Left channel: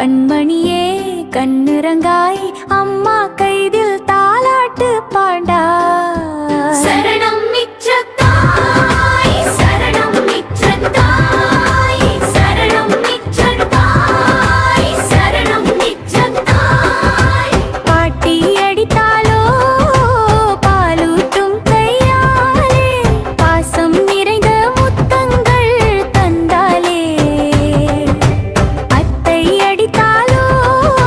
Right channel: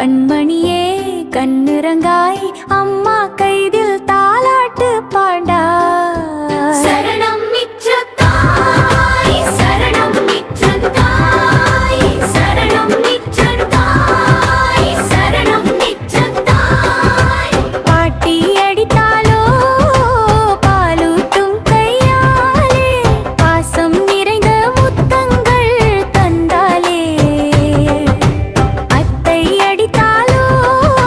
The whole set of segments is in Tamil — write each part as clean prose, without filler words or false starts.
கண்மணியே கண்ணிறங்காய் அம்மா கைதில் தாலாட்டு பாடா. சரணம் மிச்சத்தாய் சரணம் மிச்சத்தாய் சரணம் மிச்சத்தாய் சரணம் மிச்சத்தாய். பாட்டி அடித்தாலோ பாலூட்டும் கையாலே பாசம் நிறைந்த முத்தங்கள் தந்தாலே. அத்தை அடித்தாலோ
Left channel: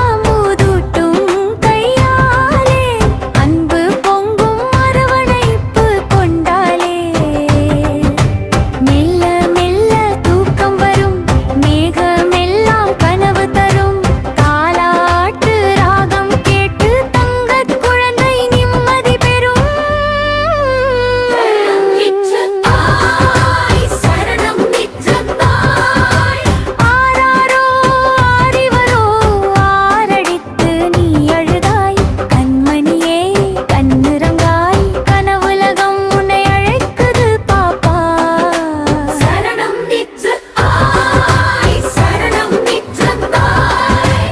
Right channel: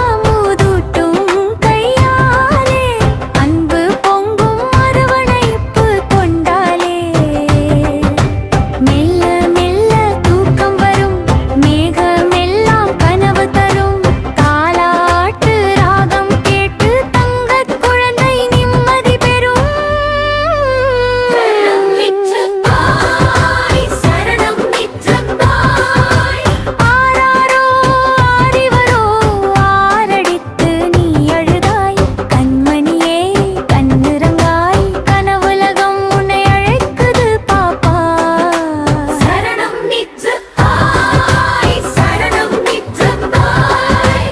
அமுதூட்டும் கையாலே அன்பு பொங்கும் அரவணைப்பு கொண்டாலே. மெல்ல மெல்ல தூக்கம் வரும் மேகமெல்லாம் கனவு தரும். தாலாட்டு ராகம் கேட்டு தங்கக் குழந்தை நிம்மதி பெறும். சரணம் மிச்சத்தாய் சரணம் மிச்சத்தாய். ஆராரோ ஆரிவரோ ஆரடித்து நீ அழுதாய். கண்மணியே கண்ணிறங்காய் கனவுலகம் உன்னை அழைக்குது பாப்பா. சரணம் மிச்சத்தாய் சரணம் மிச்சத்தாய்.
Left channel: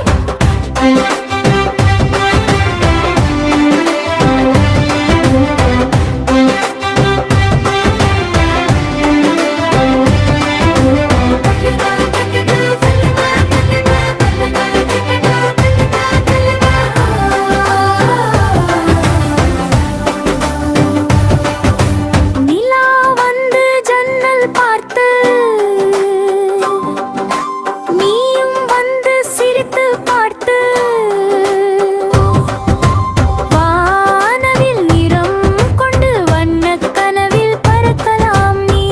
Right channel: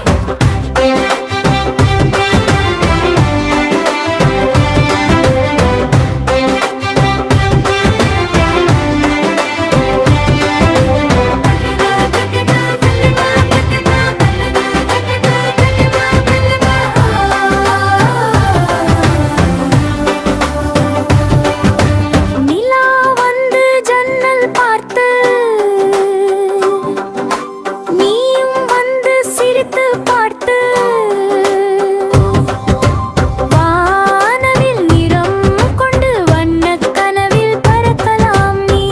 நிலா வந்து ஜன்னல் பார்த்து நீயும் வந்து சிரித்து பார்த்து. வானவில் நிறம் கொண்டு வண்ணக் கனவில் பறக்கலாம் நீ.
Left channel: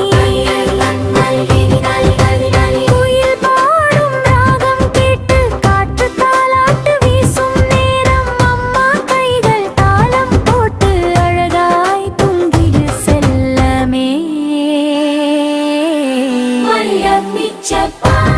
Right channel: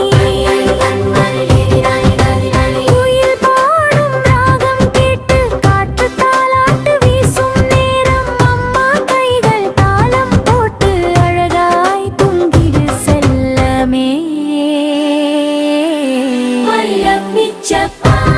குயில் பாடும் ராகம் கேட்டு காற்று தாலாட்டு வீசும் நேரம். அம்மா கைகள் தாளம் போட்டு அழகாய் தூங்கிடு செல்லமே. மையம் மிச்சப்பாய்